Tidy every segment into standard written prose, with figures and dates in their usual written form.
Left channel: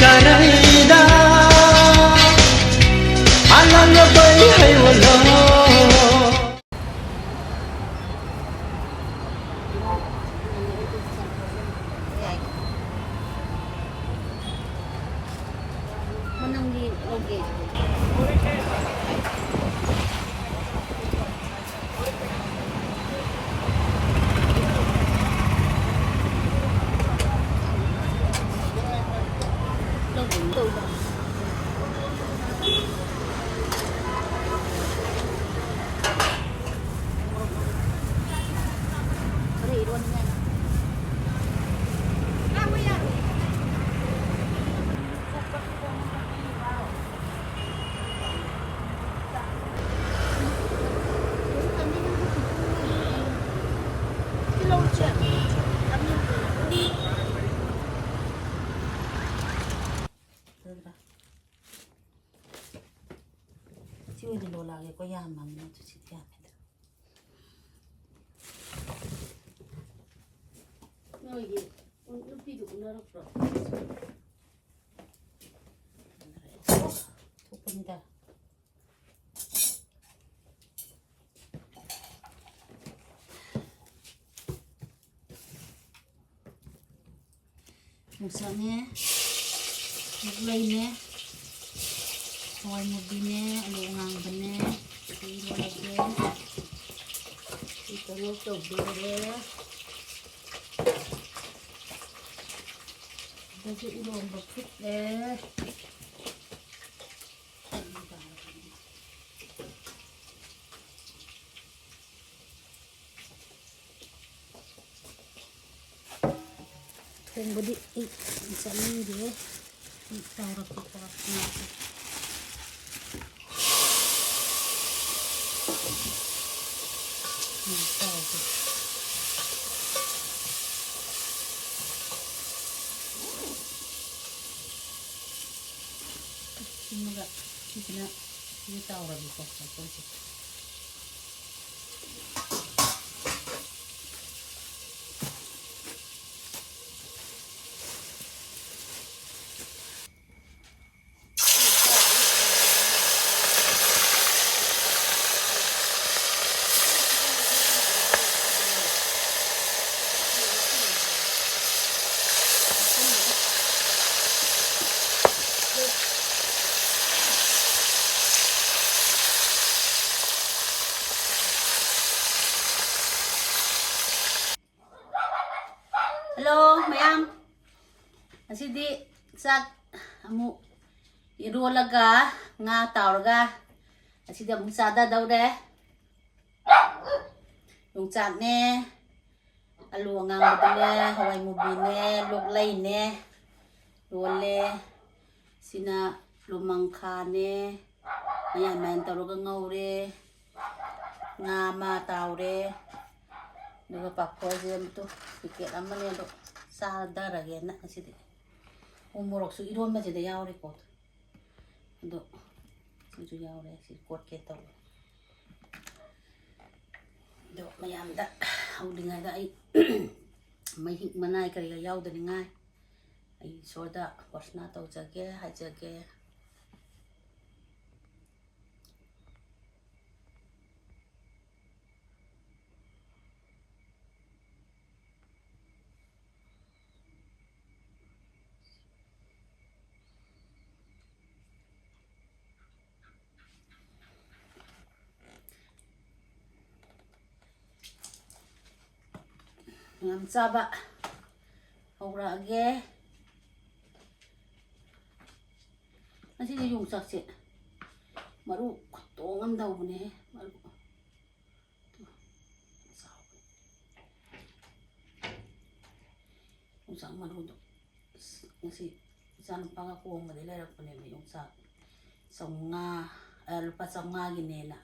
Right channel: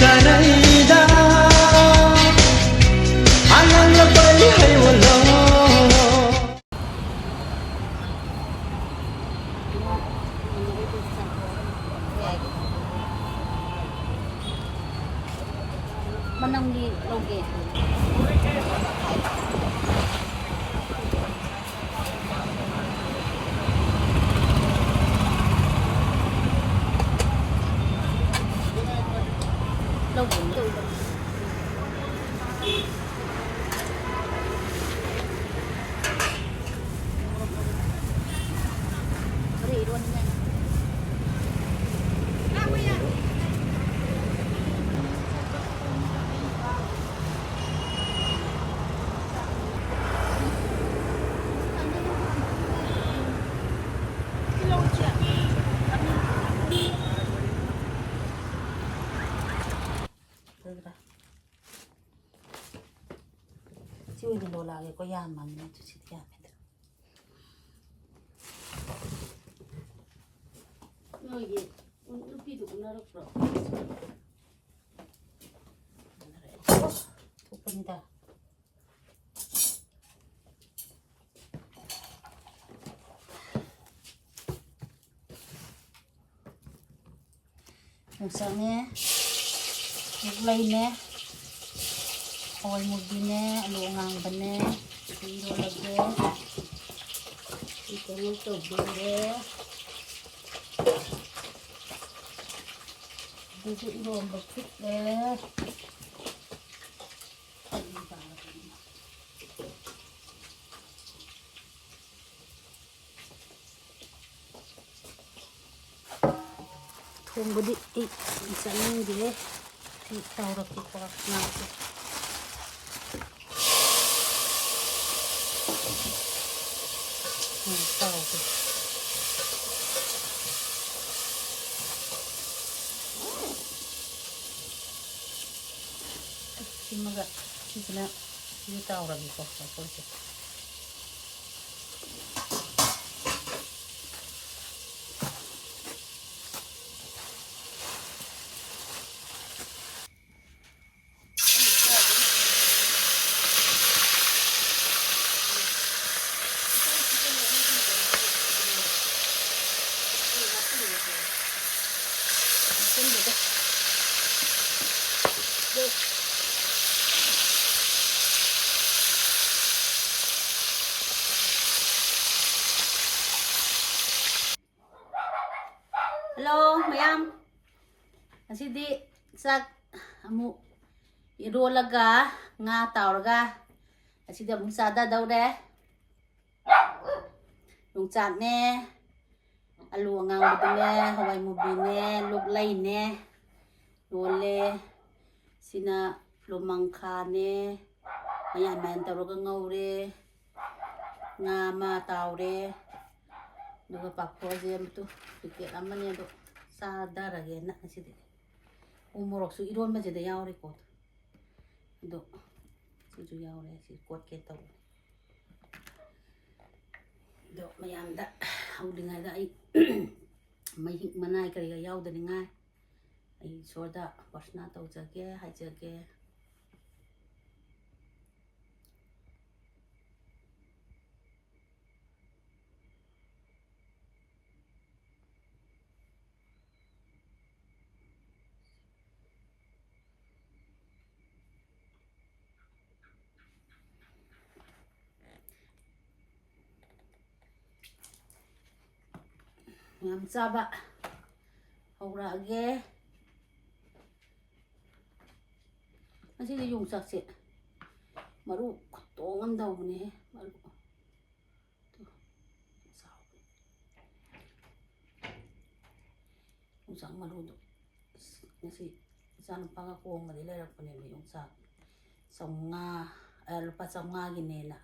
karayda ananga bay haywala Manang lugi. Chui di lola ke ko yaman na tu sit yaman. No ye, un pido una ropro. Tupunta. Misalnya, lainnya. Awal mudine, luang bane, tiro lagi, ikan itu boleh, jadi iron bakit tunggu di misalnya dia, taruh kita nanti. Semoga kita tahu lagi kok polisi. Hello, mayam. Asidi sak amu irolaga nga tauraga. Asidi amu sada daure. Yung chat ne, alu ngang betulnya, hawai mubi ne, luk lai ne, dole, sina lumangka ne, mayan mayan tauraga ngaure, nga ma taure. Duga pakko aja betul, pikir aman ya dok, sadar lagi enak sih deh. Umur waktu iron aja deh yang rekod, dok, tujuh yang orang sih kuat kita. Dok, mayam dah, udah nggak ada, mayik mana ikan ya udah nggak, soda pasna tahu jaga, hai jaga. Ngam saba hawra age masih yung saksi maru tongan daw ne maru yung sak maru do masih san pangako madila ra pone yung sak songa lupa songa ginela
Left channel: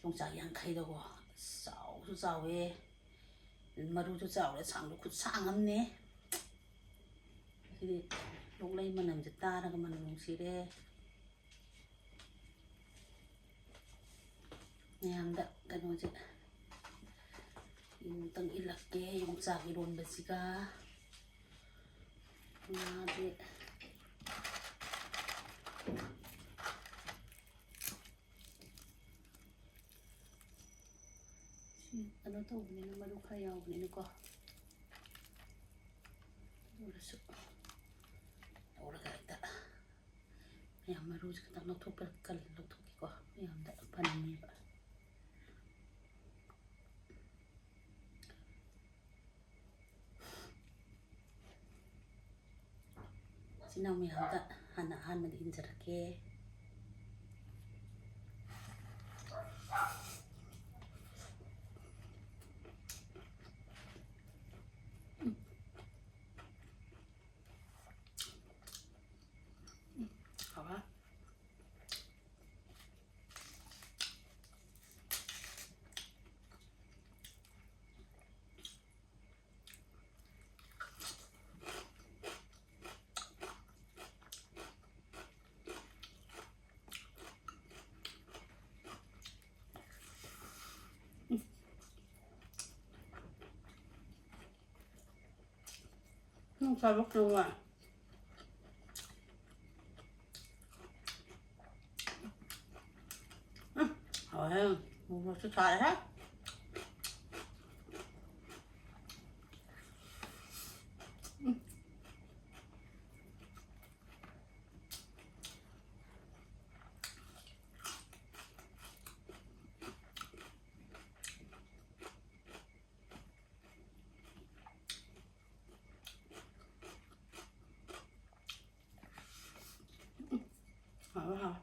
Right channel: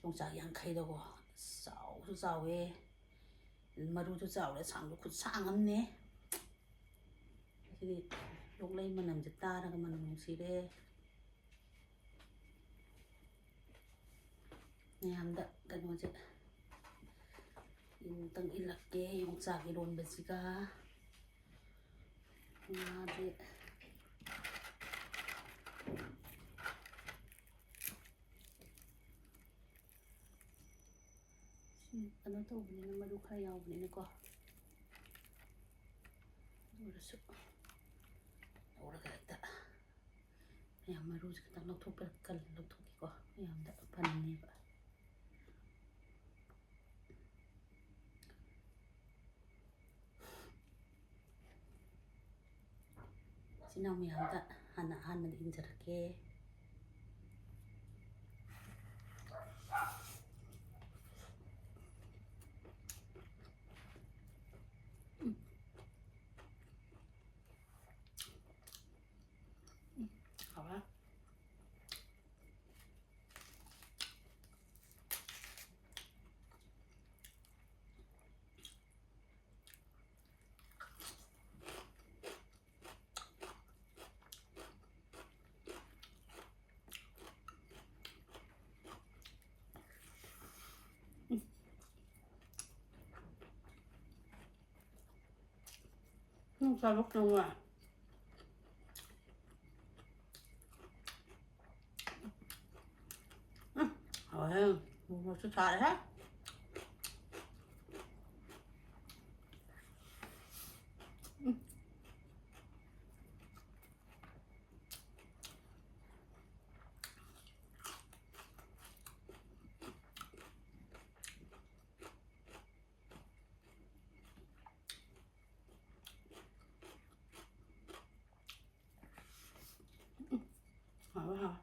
yung sak yang kai daw sao su sao maru tu sao le sang lu khut sang amne sidi lok lai manam jata ra ka manung sire nyam da kanu je tang ilak ke yung sak iron basika ngade ano to, hindi na malukayaw, hindi ko. Uraso. Ura ka ita. Mayam maruz ka tang lagtok perkal, lagtok ko. Mayam da panin niya ba. Sinaw mayam da, hanahan mag-injar ke. Apa? Sabak na nga. Ayun, bumasa tayo ha. Apa?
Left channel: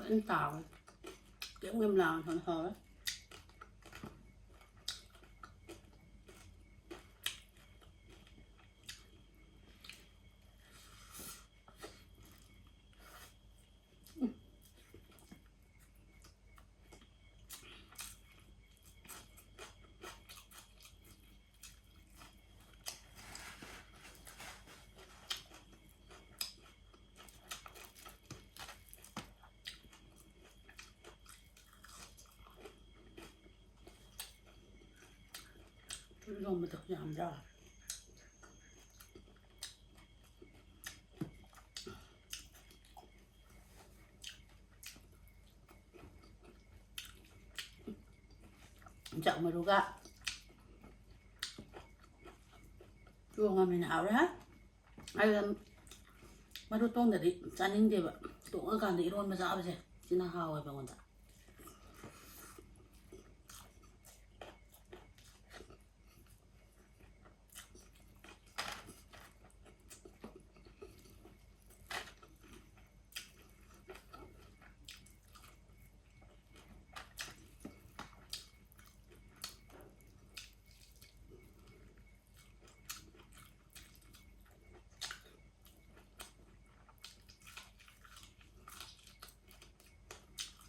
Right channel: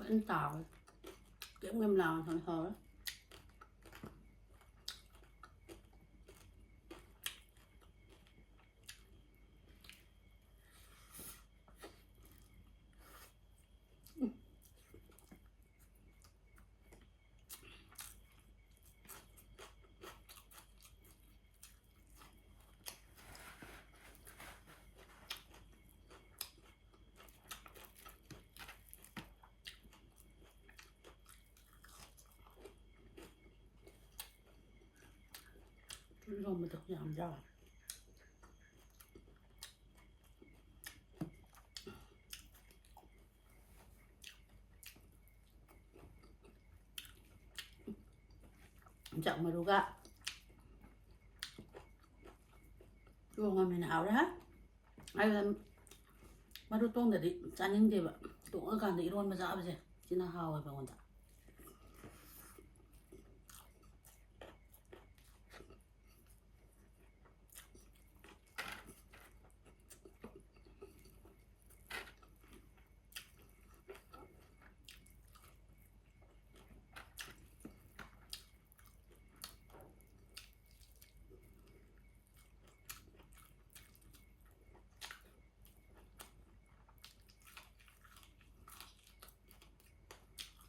Vẫn tàu kiểu ngâm làng thằng hờ. Lông mà được giảm ra. Chẳng mà đủ cả. Chua ngon mình hảo đấy ha. Ai là mà đủ tông để đi chán những gì vậy. Tụng ở càng đi luôn mà sao bây giờ. Chỉ là hào rồi bà con ta.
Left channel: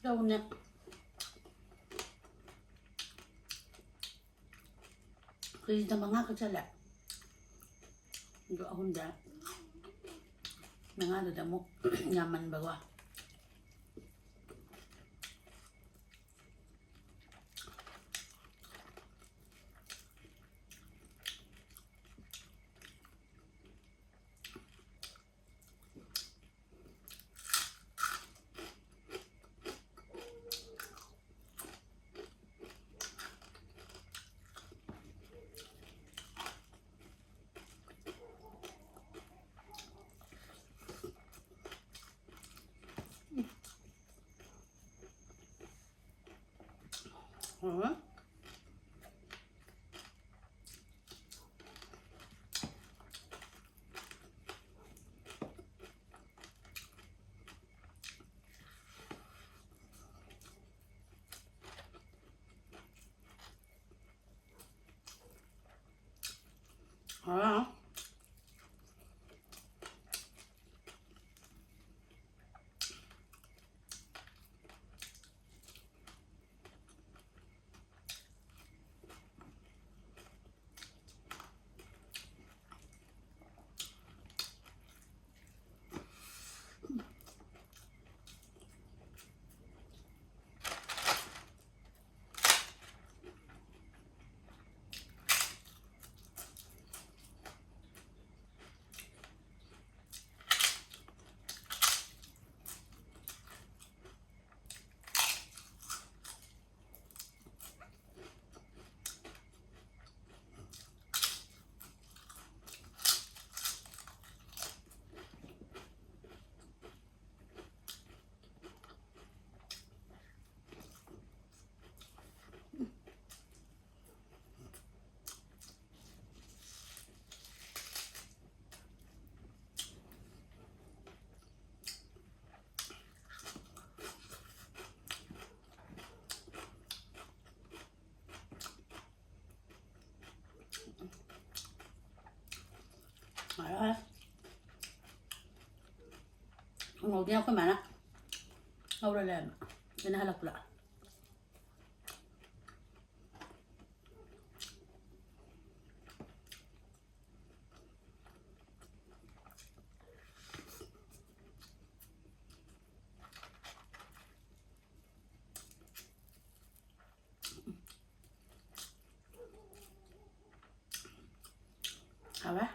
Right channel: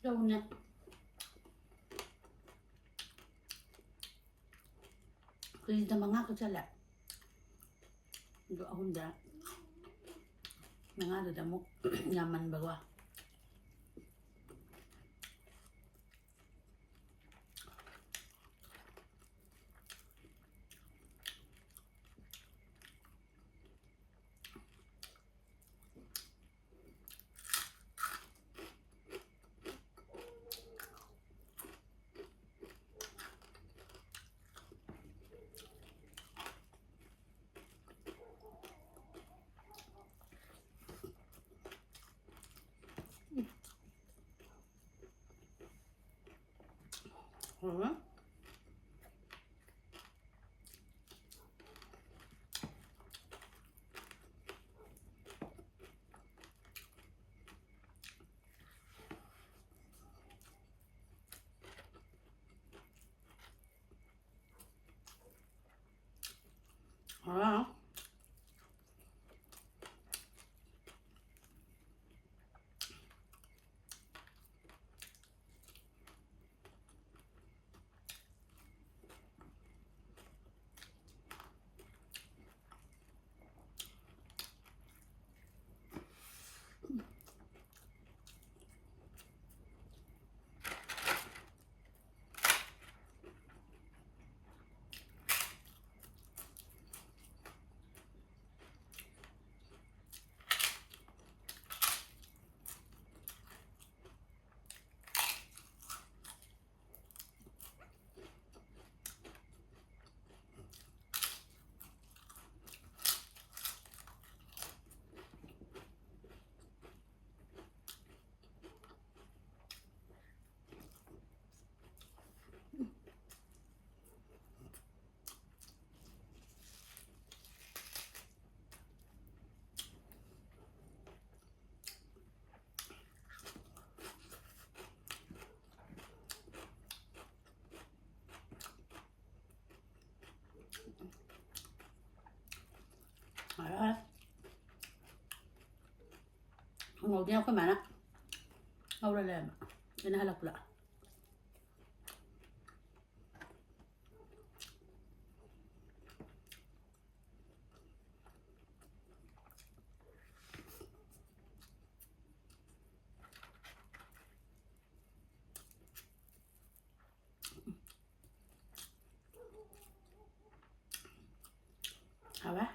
Đâu nè. Khi ta mga ka sala. Ndo akong da. Mga da mo nyaman bawa. Hả? Hả? ngồi đeo cái mà đó ngồi đây làm cái này lọc lại hả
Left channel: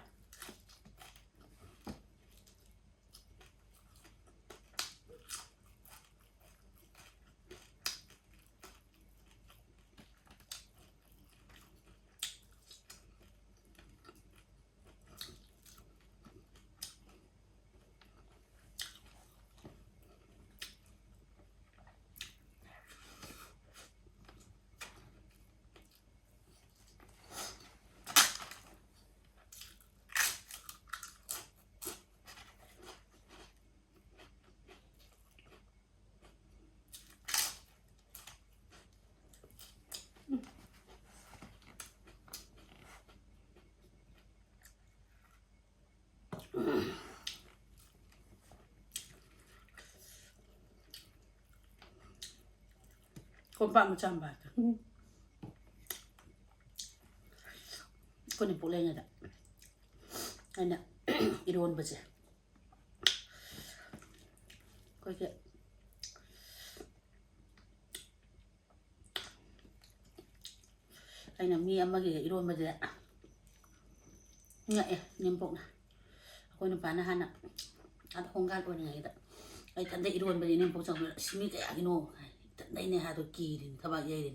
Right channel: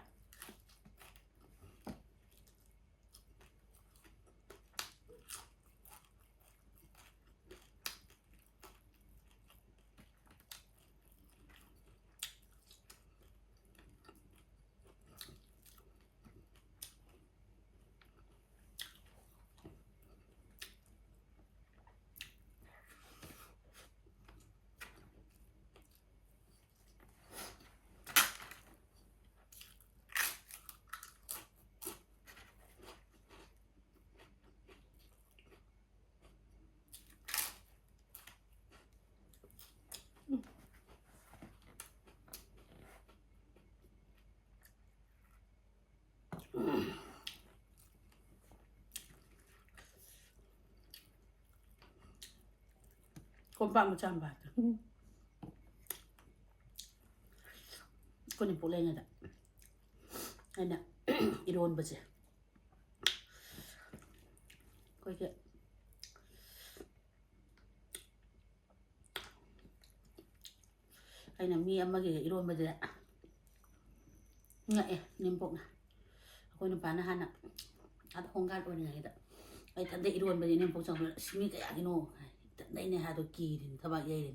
con bạn 100 บาท con này phụ lên rồi đấy đây nè iron bớt rồi coi kìa đây là mi mà cái iron bớt rồi đấy ngại niềm bụng này con nó bán hàng nè ăn không gan luôn này đấy ai tận đây iron bớt rồi niềm bụng xong rồi xí cái gì nó tận đây này hai đôi kỳ thì các bạn dây đi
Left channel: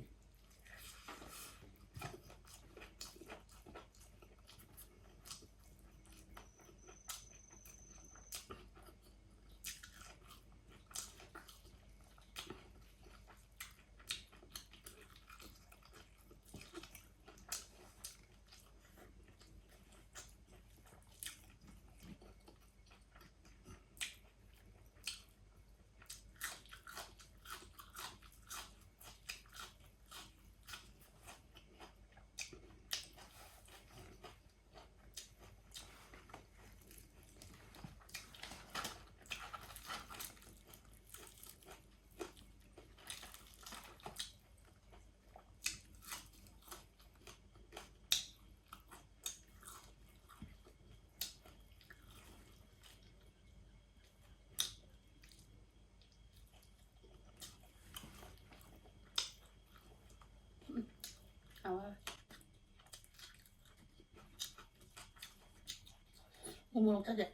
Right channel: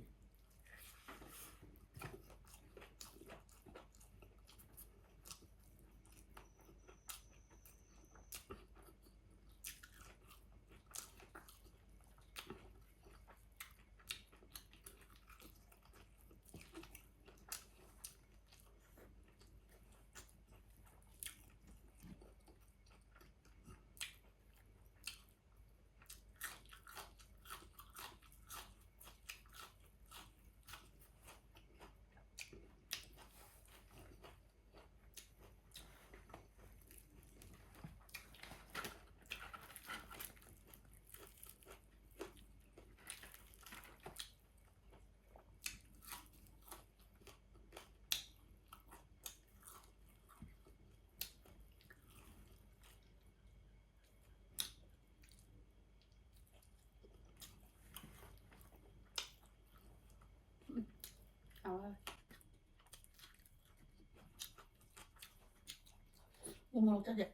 Umurong saja.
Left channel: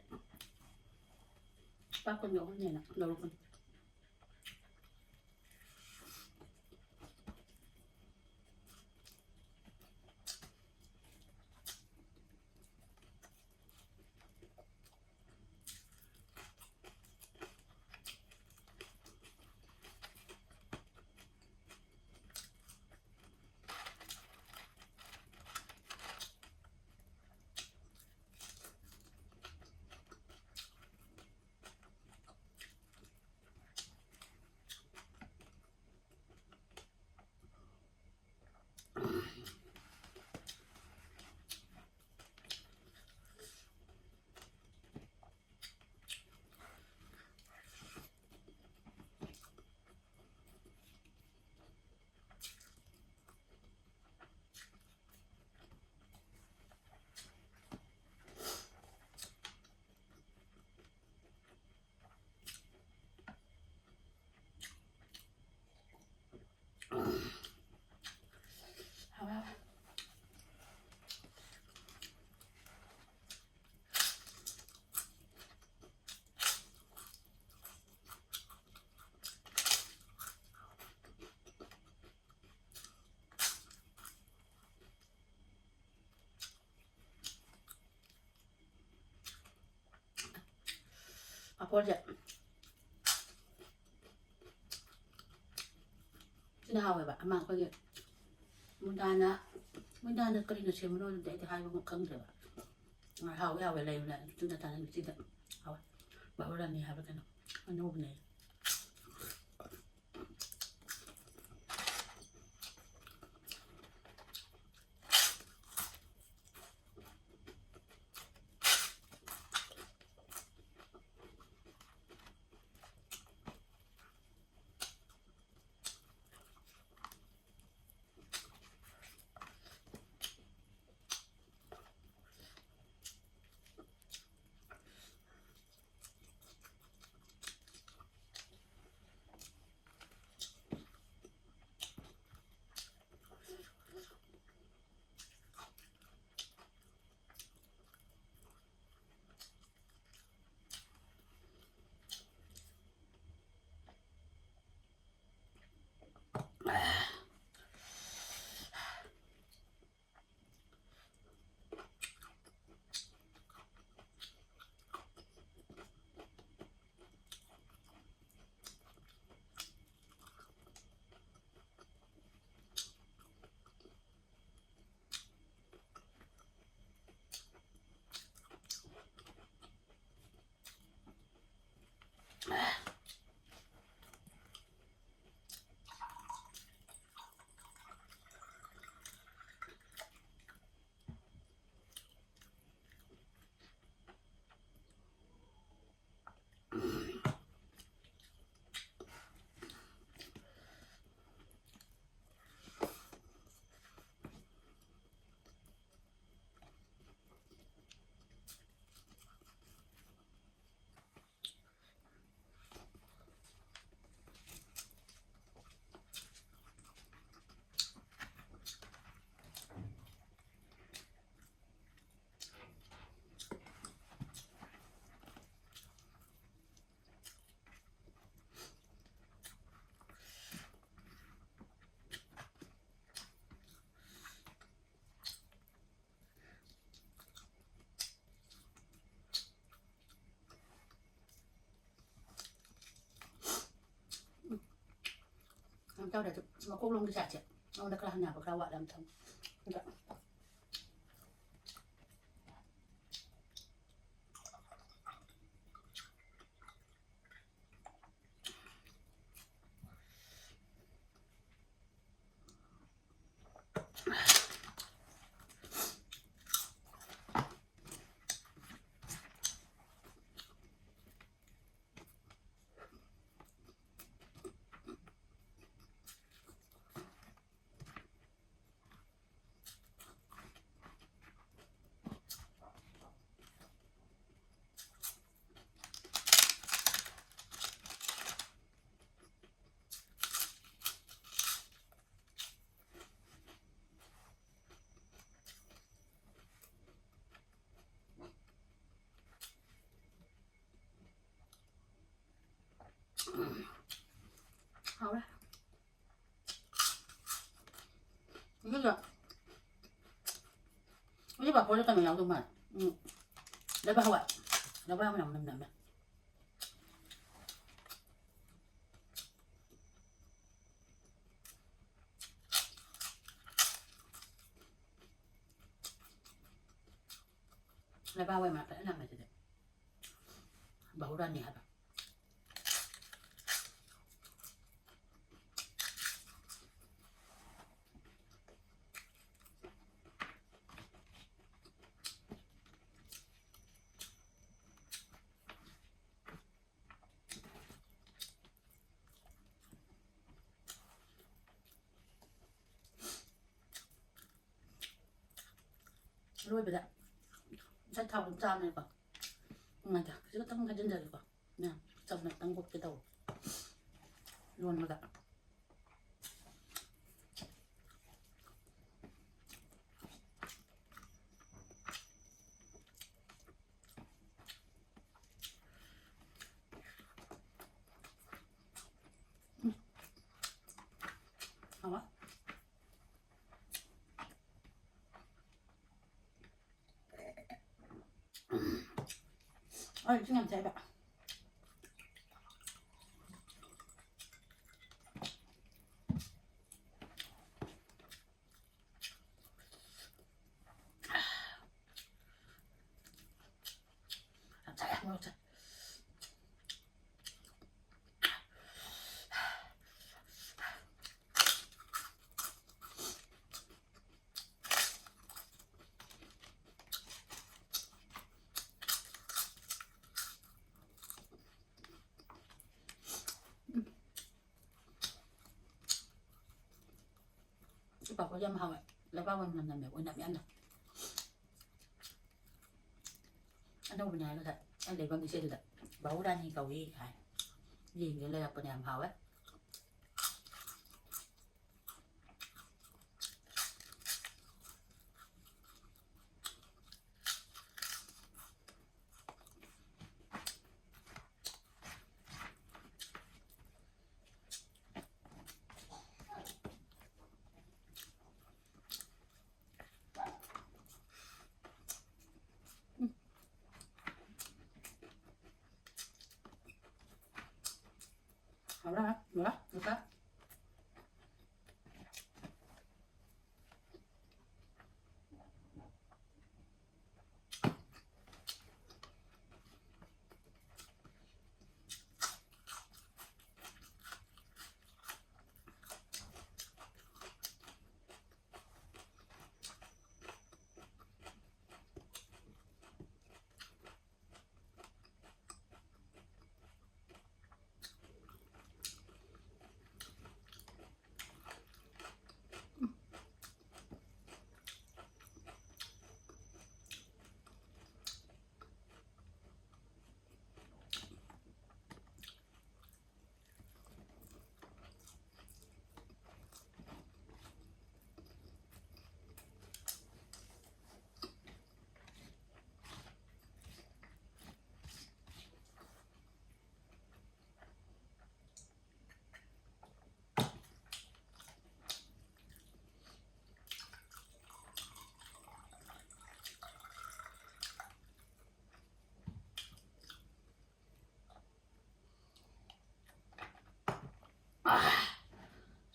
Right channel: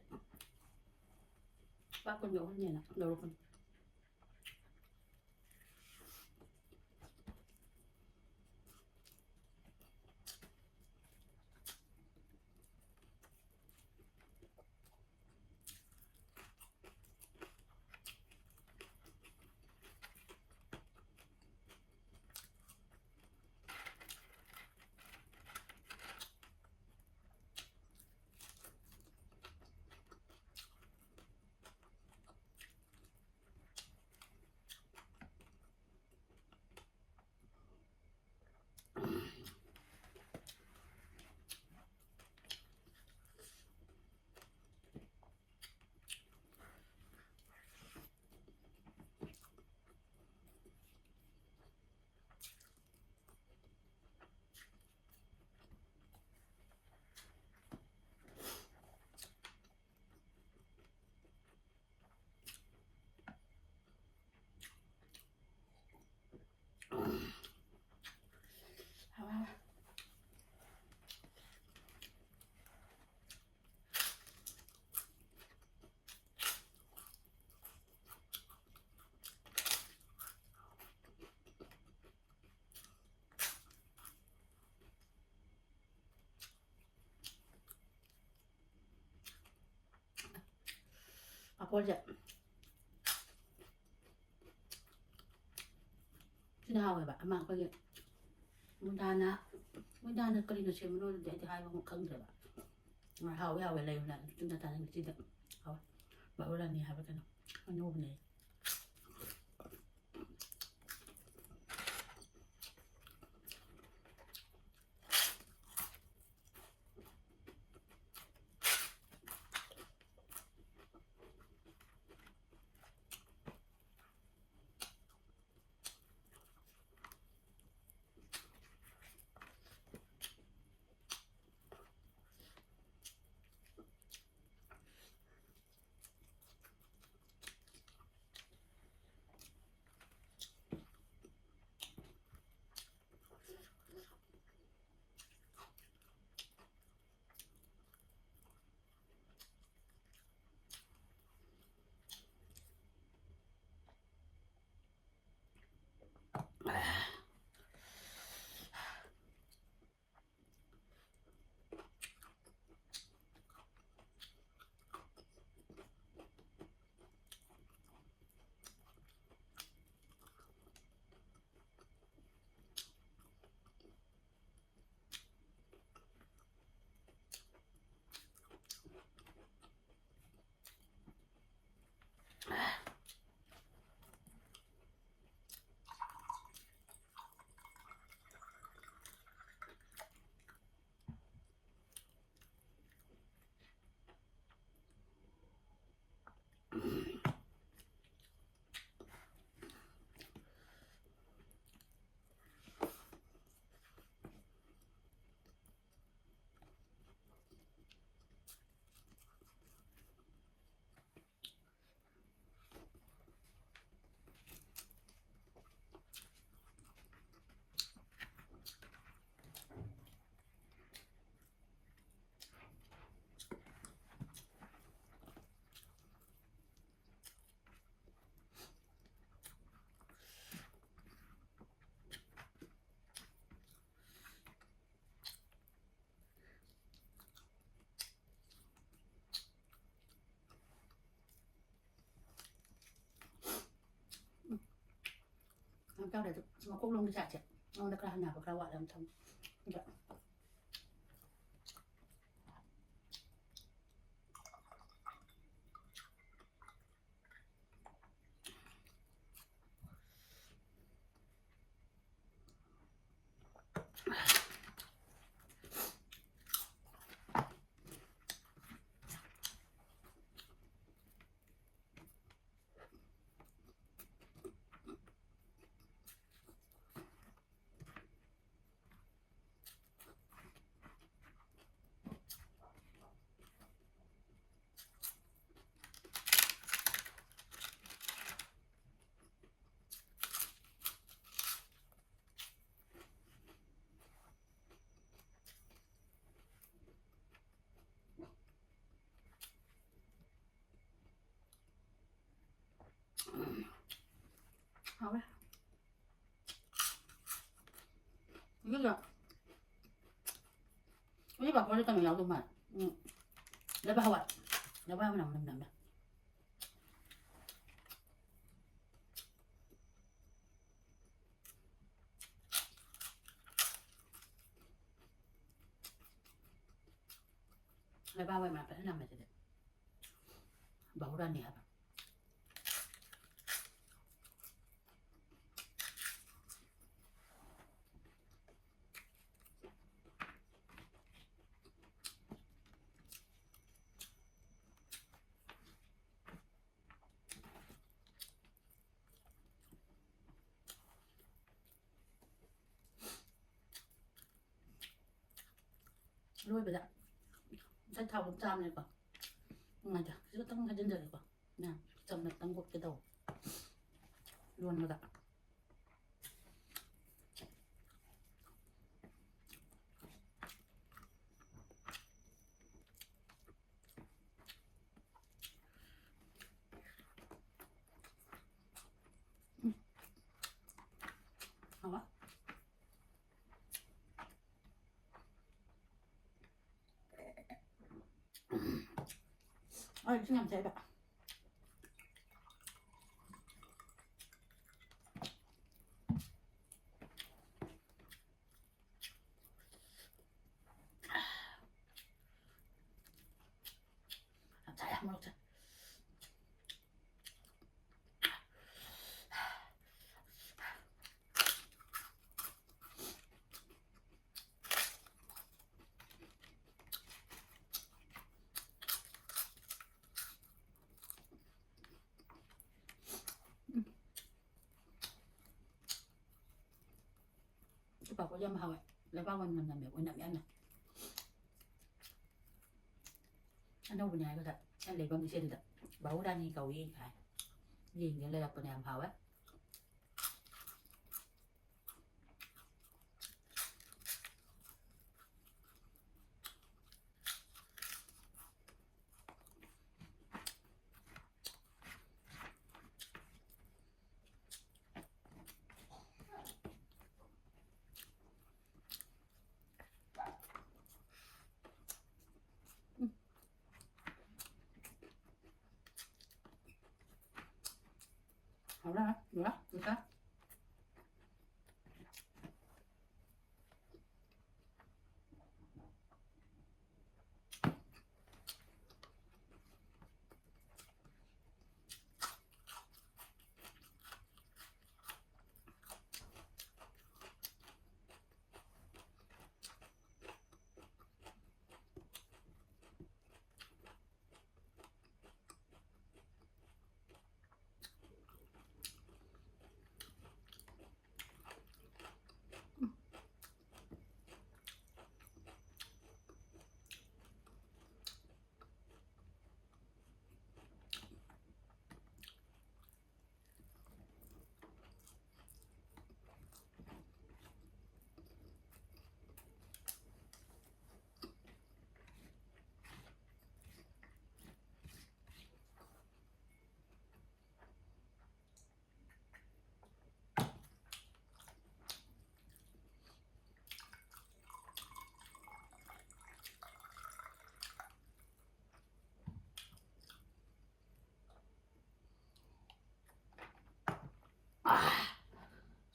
Pak con nhỏ này nè, đầu con. Apa aja? Sinahaw ba? Ama ko yun. Munda na kalina siya mo no, dahil hay mo kang diba. Nga haw ya wala yun na, ito na tanan sida. Haw. Ba wala ni haw ka no. Ano ne? Làm cho để nó cũng luôn đi chạy chị. Nó được làm nào của các bạn làm thông. Được. Hảo đấy. Biết rồi. Ini Pak boleh kami langsung mat. Dapat awak. Dapat menang. Dapat awak mat. Tak nama saja. Bau dah ni apa? Rồi bây giờ sẽ thao đến trăm này quả ngay cả giữa tông ngay trên đời quả nè xong này tăng một cái đầu luôn bây giờ không á ơi chứ làm thế bạn saya mau cek bảo có dâm hầu ấy là bao mình làm mẹ của nằm ăn này anh đâu bên nhà thật anh lấy bao nhiêu xe được bảo ra như cầu gì hả gì vậy là bên nhà hầu ấy好了。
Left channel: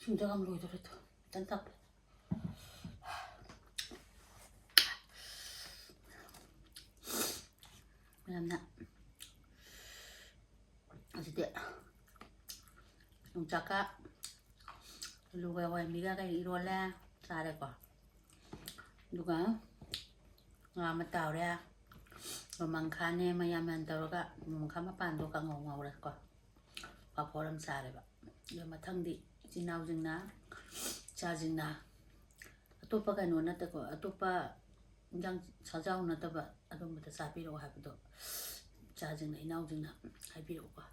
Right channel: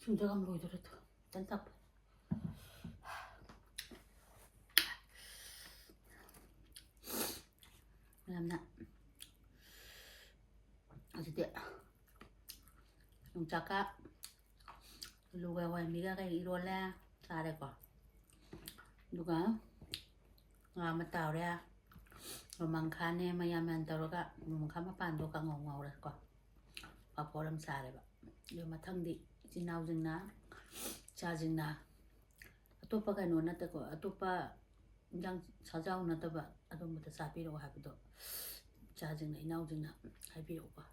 진짜가 물어이더라도 딴딱 왜냐면 어쨌든 용자가 누가 와이미가 이rol래 잘해봐 누가 아무따오래 로망카네 마야만 따로가 로망카마 반도가 ngầu 바보람 잘해봐 이거 마탕디 지나우징나 자징나 아토파 가노 나타고 아토파 인장 사자우 나타바 아tom부터 사비로 하기도 자징나 이나우징나 하비로 봐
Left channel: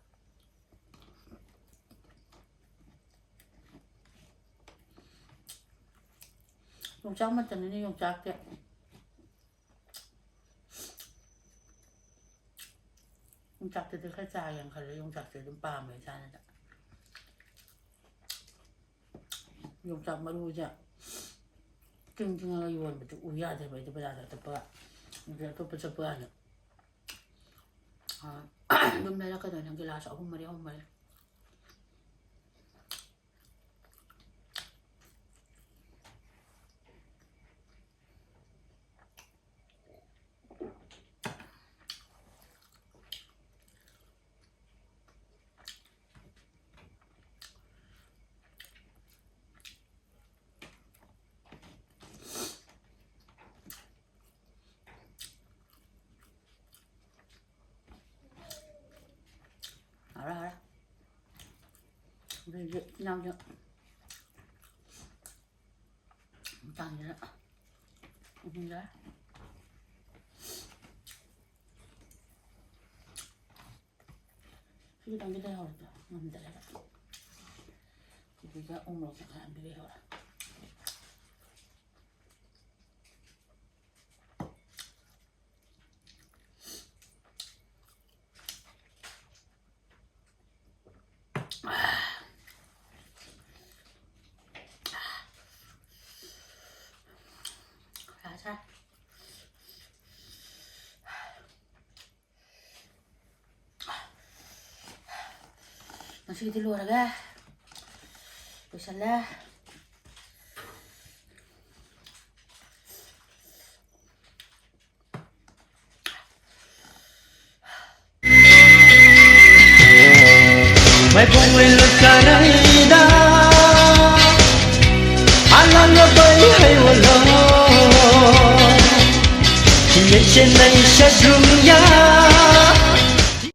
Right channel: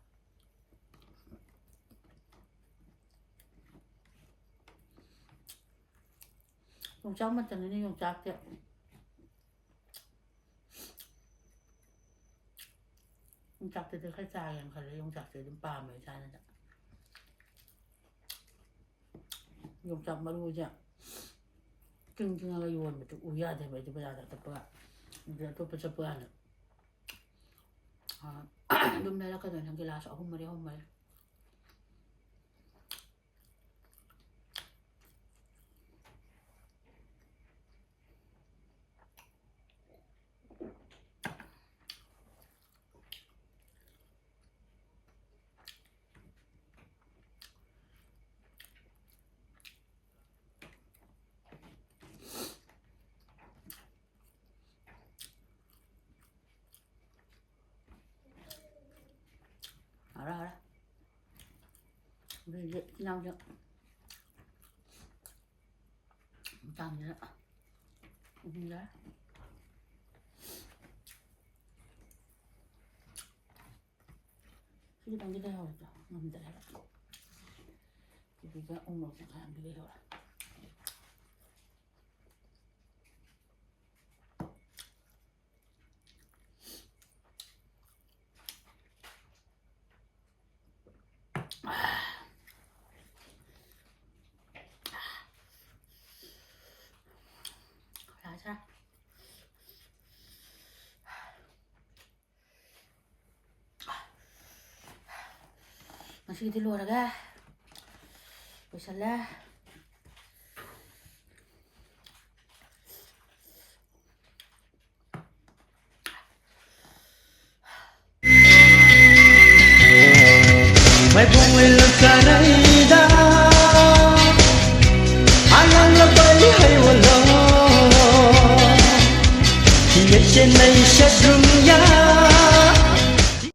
용짝 맞잖니 용짝 때 용짝 때들 살짝 양 갈래 용짝 때좀 밤에 자는다 용짝 마루자 찡찡하게 요원부터 우야 되면 이제 보자다 또 이제 또 벌써 보아는 좀 내려가던 한게 나서 홈머리 알아 우리 이제 나오죠 짠이라 이긴가 이게 당기다 해오랬다 남들 해라 이게 옹록색 안 비게 해오라 자 masih di luar ga bisalah Mai con người lực cả đây đã anh ăn nó tới hay là lo thì trên này sẽ dừng nhau